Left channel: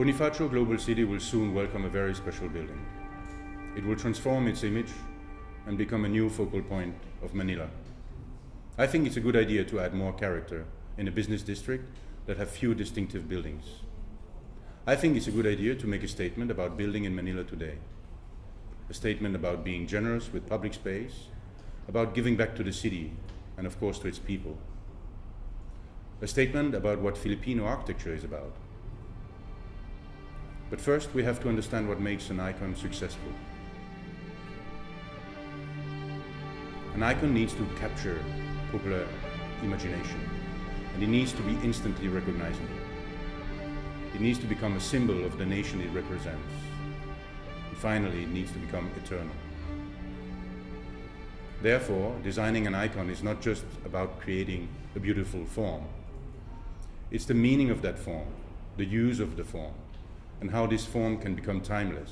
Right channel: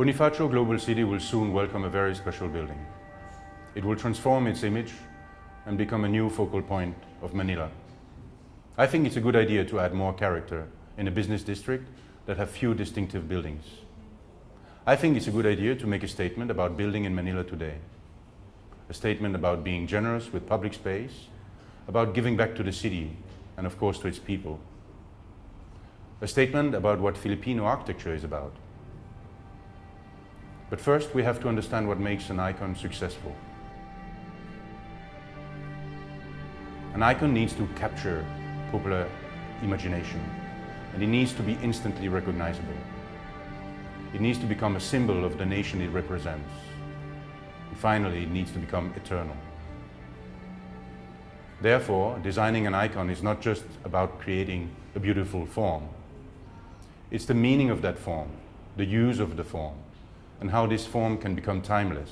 Bonifacio Global City will soon welcome a very special building. It will transform its image and become a new focal point of Manila. I think it's a good idea to add more character in a business district that have few distinctive buildings. I think it's a good idea to make a statement about building in Manila today. A statement about being generous with public space, about giving back to the city and of course to its people. A statement about what Filipino architecture is about. But first we have to understand what makes an icon successful. An icon needs to capture popular imagination, and it needs to be instantly recognizable. It needs to become a symbol of the nation it represents. And finally, it needs to become eternal. Therefore, designing an icon is not just about creating a beautiful form. It's the meaning of that form, the use of the form, and how this form can become timeless.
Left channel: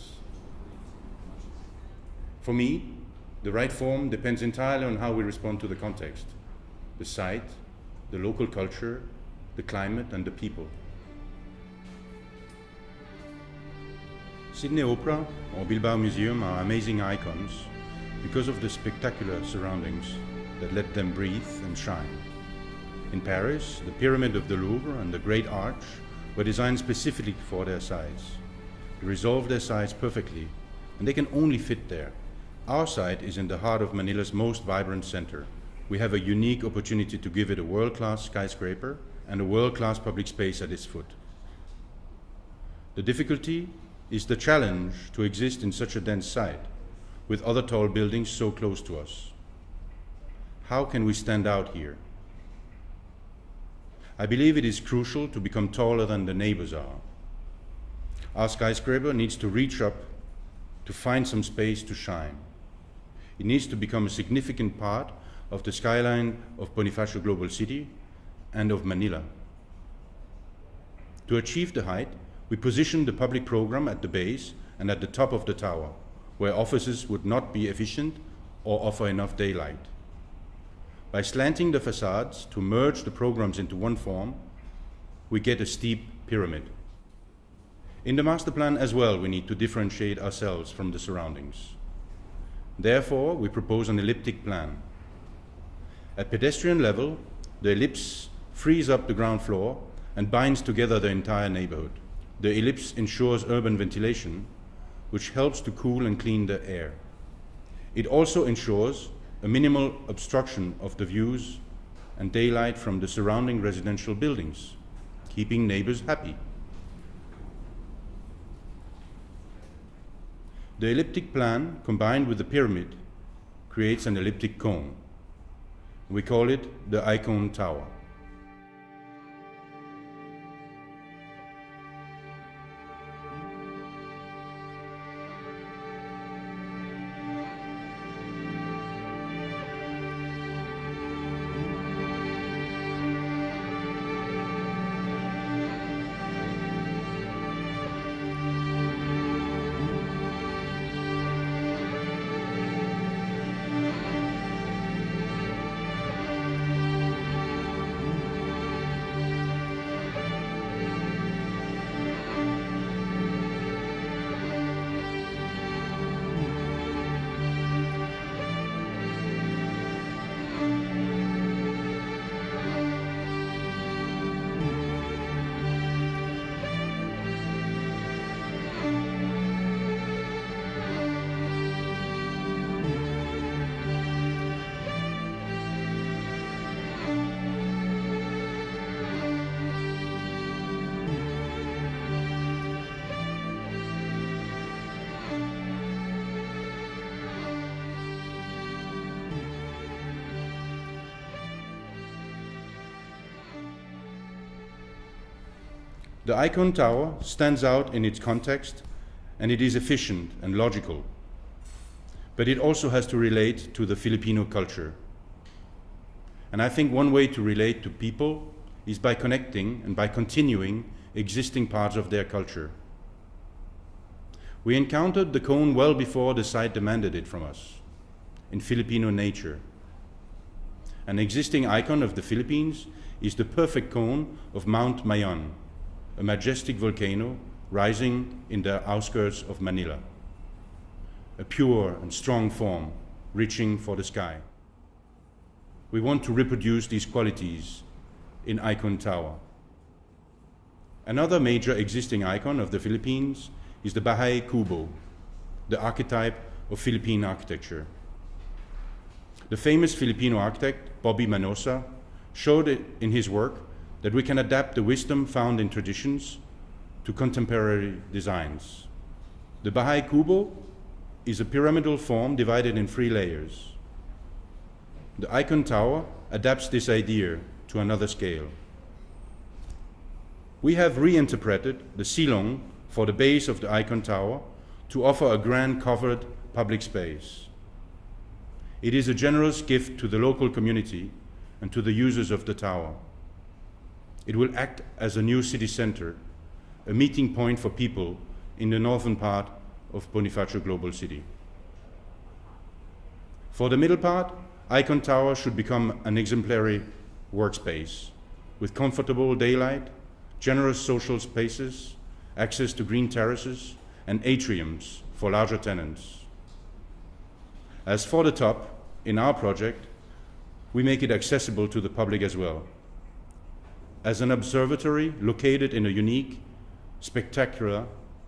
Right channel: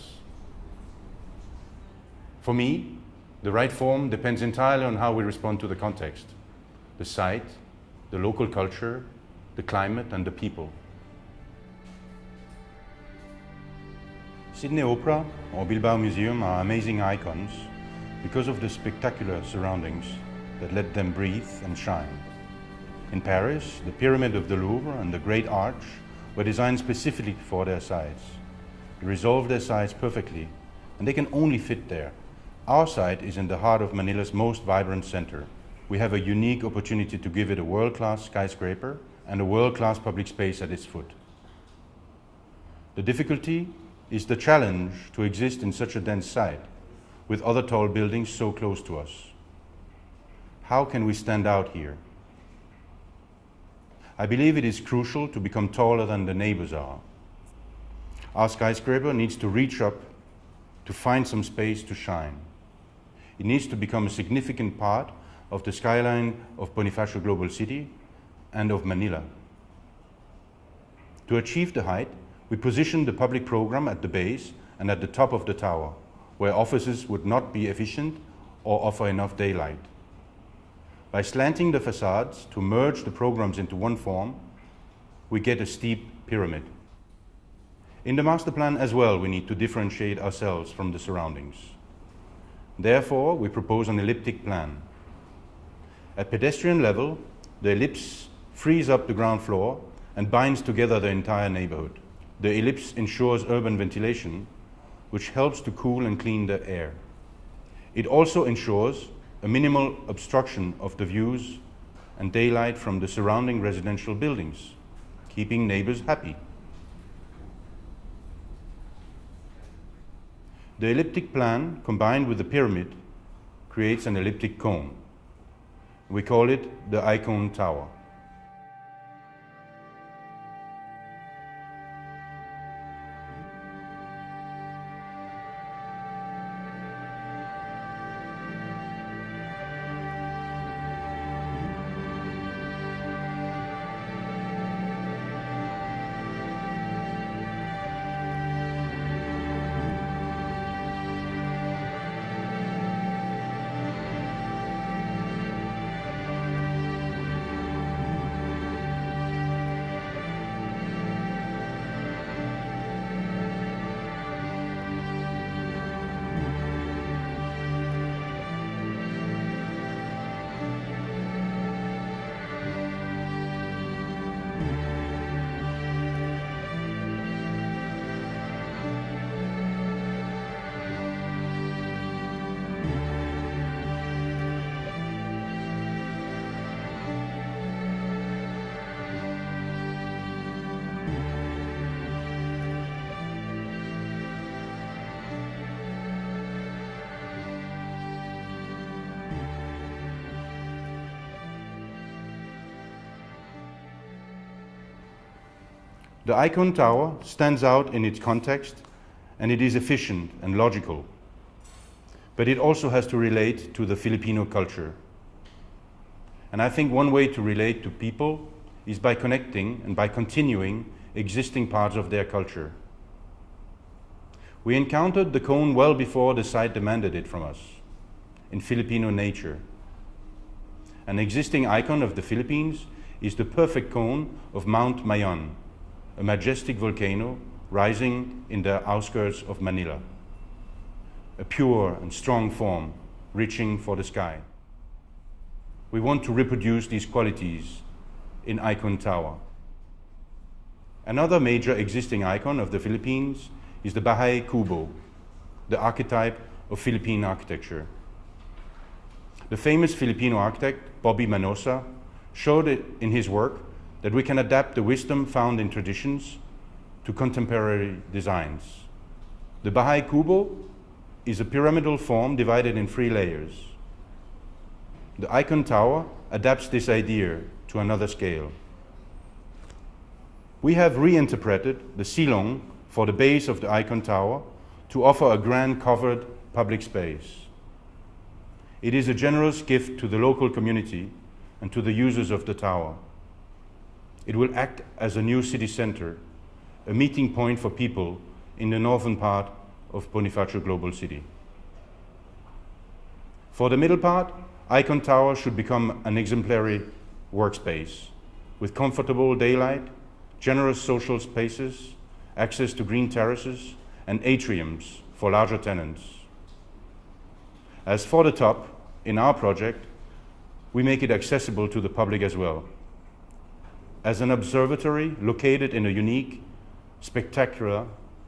For me, the right form depends entirely on how we respond to the context, the site, the local culture, the climate, and the people. Sydney Opera or Bilbao Museum are amazing icons because of the spectacular surroundings that let them breathe and shine. In Paris, the Pyramid of the Louvre and the Great Arch were designed specifically for their size. They resolve their size perfectly, and they can only fit there. Our site is in the heart of Manila's most vibrant center. We have a unique opportunity to give it a world-class skyscraper and a world-class public space at its foot. The difficulty is the challenge to exist in such a dense site, with other tall buildings so close to us. How can we stand out here? I believe it is crucial to become taller than the neighbors are. Our skyscraper needs to reach up to find some space to shine. It needs to become a significant part of the skyline of Bonifacio Global City and of Manila. To achieve the height, we positioned the public program at the base and at the top of the tower, where offices would not be efficient or offer enough daylight. By slanting the facades to merge the programs into one form, we get a steep pyramid. In the master plan as well, we need to differentiate ourselves from the surroundings. Therefore, we propose an elliptic plan. At pedestrian level, the ellipse frees up the ground floor and binds together the entire neighborhood. The ellipse ensures urban ventilation, which helps to cool and clean the air. It also ensures a minimal obstruction of the views and daylight from the surrounding residential buildings, keeping neighbors happy. The elliptic plan, combined with the pyramid, creates an elliptic cone. We call it the Icone Tower. The Icone Tower stands out in its context, and it is efficient and logical. But it also has to relate to the Filipino culture. And I think one way to relate to people is by connecting and by continuing existing parts of their culture. We encountered the cone well before the site demanded it from us, in Filipino nature. An existing icon of the Philippines is the perfect cone of Mount Mayon, a majestic volcano rising in the outskirts of Manila. A pure and strong form, reaching for the sky. We want to reproduce these qualities in Icone Tower. Another major existing icon of the Philippines is the Bahay Kubo, the archetype of Philippine architecture. The famous Filipino architect, Bobby Manosa, showed it in his work that we can adapt the wisdom found in traditions to contemporary designs. The Bahay Kubo is a pyramidal form divided in 3 layers. The Icone Tower adapts this idea to another scale. We have reinterpreted the silong for the base of the Icone Tower to offer a grand covered public space. It is a generous gift to the local community and to the users of the tower. It will act as a new city center, a meeting point for people in the northern part of Bonifacio Global City. For the middle part, Icone Tower should become an exemplary workspace with comfortable daylight, generous social spaces, access to green terraces, and atriums for larger tenants. As for the top, in our project, we make it accessible to the public as well. As an observatory located in a unique, spectacular,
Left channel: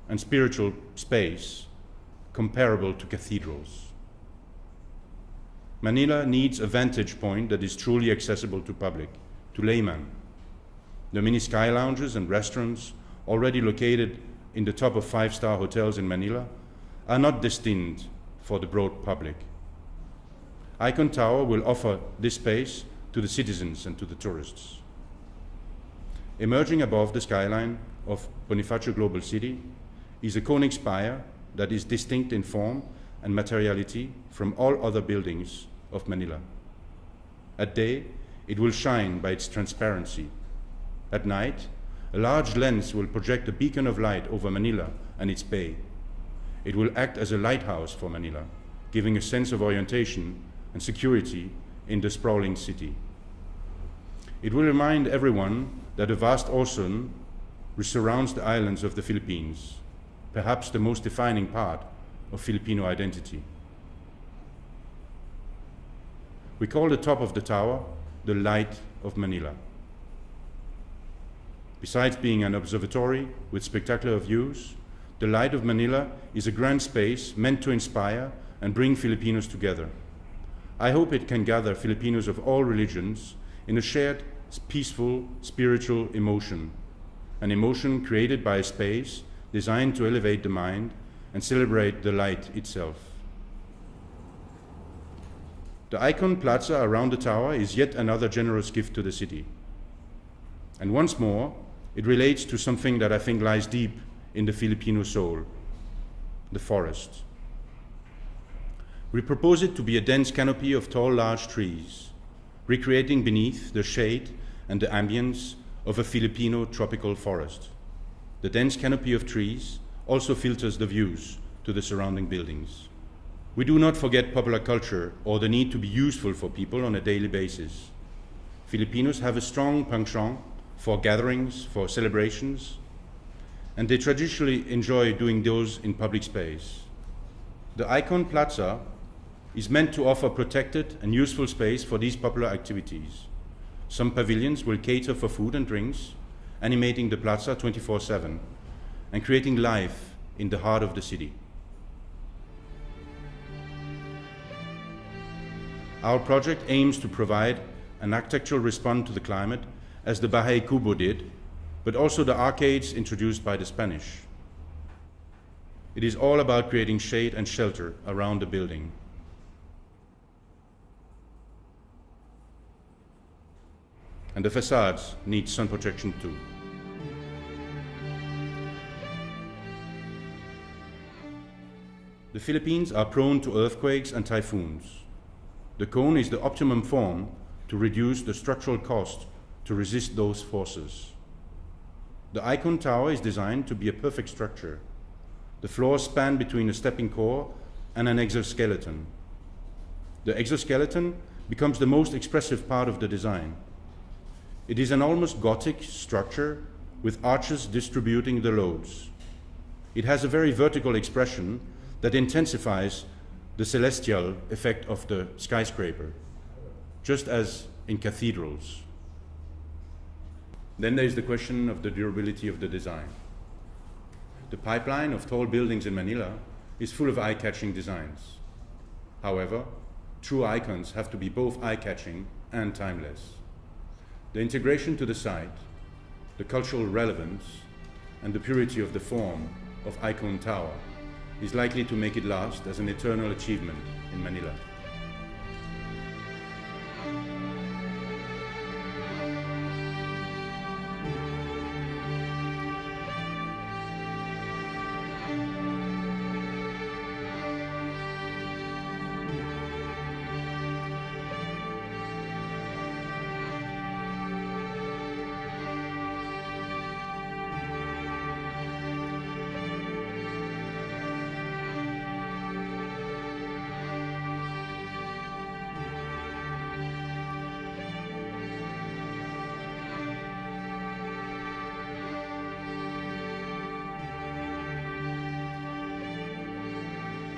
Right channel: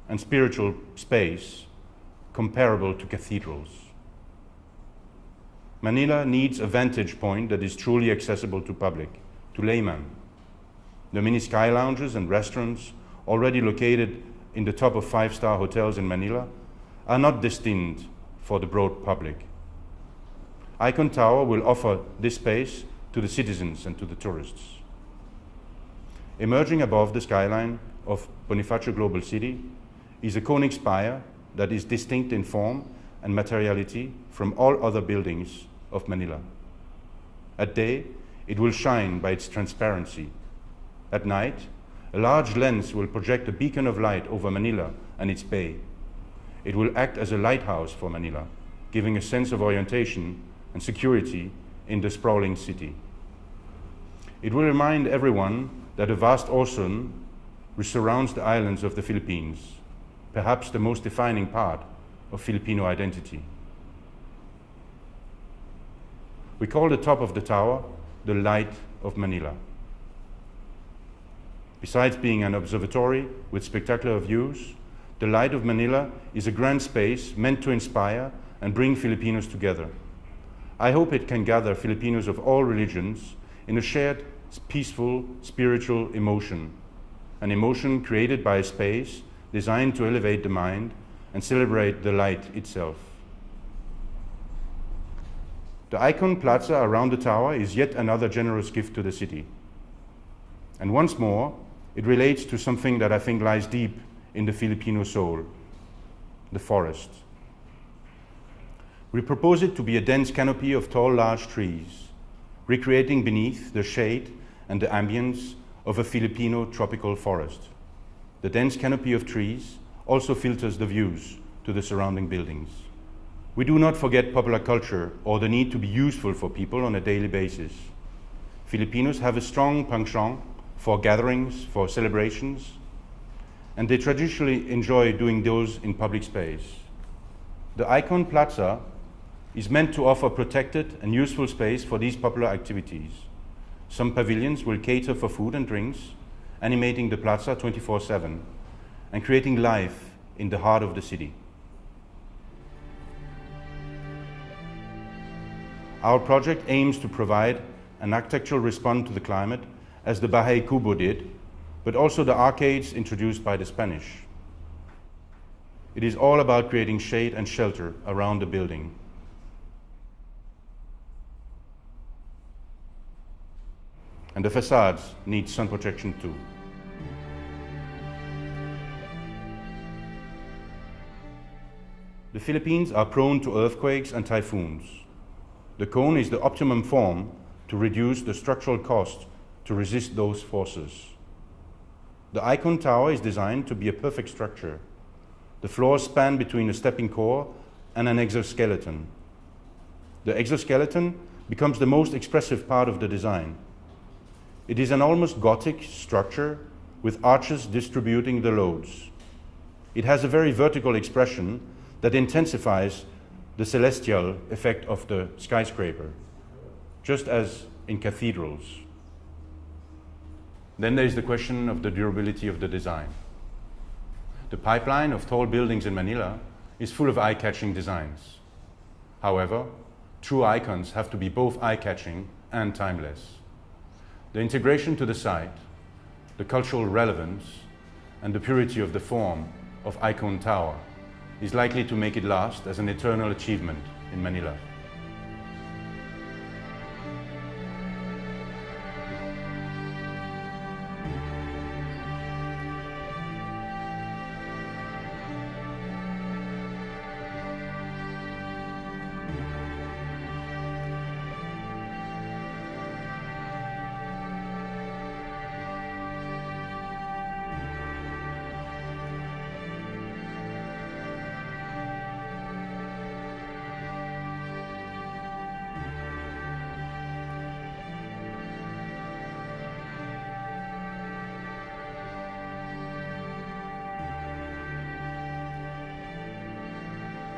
and spiritual space comparable to cathedrals. Manila needs a vantage point that is truly accessible to public, to laymen. The many sky lounges and restaurants already located in the top of 5-star hotels in Manila are not destined for the broad public. Icone Tower will offer this space to the citizens and to the tourists. Emerging above the skyline of Bonifacio Global City is a conic spire that is distinct in form and materiality from all other buildings of Manila. At day, it will shine by its transparency. At night, a large lens will project a beacon of light over Manila and its bay. It will act as a lighthouse for Manila, giving a sense of orientation and security in the sprawling city. It will remind everyone that a vast ocean surrounds the islands of the Philippines, perhaps the most defining part of Filipino identity. We call the top of the tower the Light of Manila. Besides being an observatory with spectacular views, the Light of Manila is a grand space meant to inspire and bring Filipinos together. I hope it can gather Filipinos of all religions in a shared, peaceful, spiritual emotion, an emotion created by a space designed to elevate the mind and celebrate the light itself. The Icone Plaza around the tower is yet another generous gift to the city. And once more, it relates to something that I think lies deep in the Filipino soul, the forest. We propose it to be a dense canopy of tall, large trees, recreating beneath the shade and the ambience of a Filipino tropical forest. The dense canopy of trees also filters the views to the surrounding buildings. We do not forget popular culture or the need to be useful for people on a daily basis. Filipinos have a strong penchant for gatherings, for celebrations, and they traditionally enjoy doing those in public space. The Icone Plaza is meant to offer protected and useful space for these popular activities. Some pavilions will cater for food and drinks, animating the plaza 24/7 and creating life in the heart of the city. Our project aims to provide an architectural response to the climate as the Bahay Kubo did, but also the arcades introduced by the Spanish. It is all about creating shade and shelter around the building. And the facades need sun protection too. The Philippines are prone to earthquakes and typhoons. The cone is the optimum form to reduce the structural cost to resist those forces. The Icone Tower is designed to be a perfect structure. The floors span between a stepping core and an exoskeleton. The exoskeleton becomes the most expressive part of the design. It is an almost Gothic structure with arches distributing the loads. It has a very vertical expression that intensifies the celestial effect of the skyscraper, just as in cathedrals. Then there is the question of the durability of the design. The pipeline of tall buildings in Manila is full of eye-catching designs. However, true icons have to be both eye-catching and timeless. The integration to the site, the cultural relevance, and the purity of the form of Icone Tower is likely to make it last as an eternal achievement in Manila.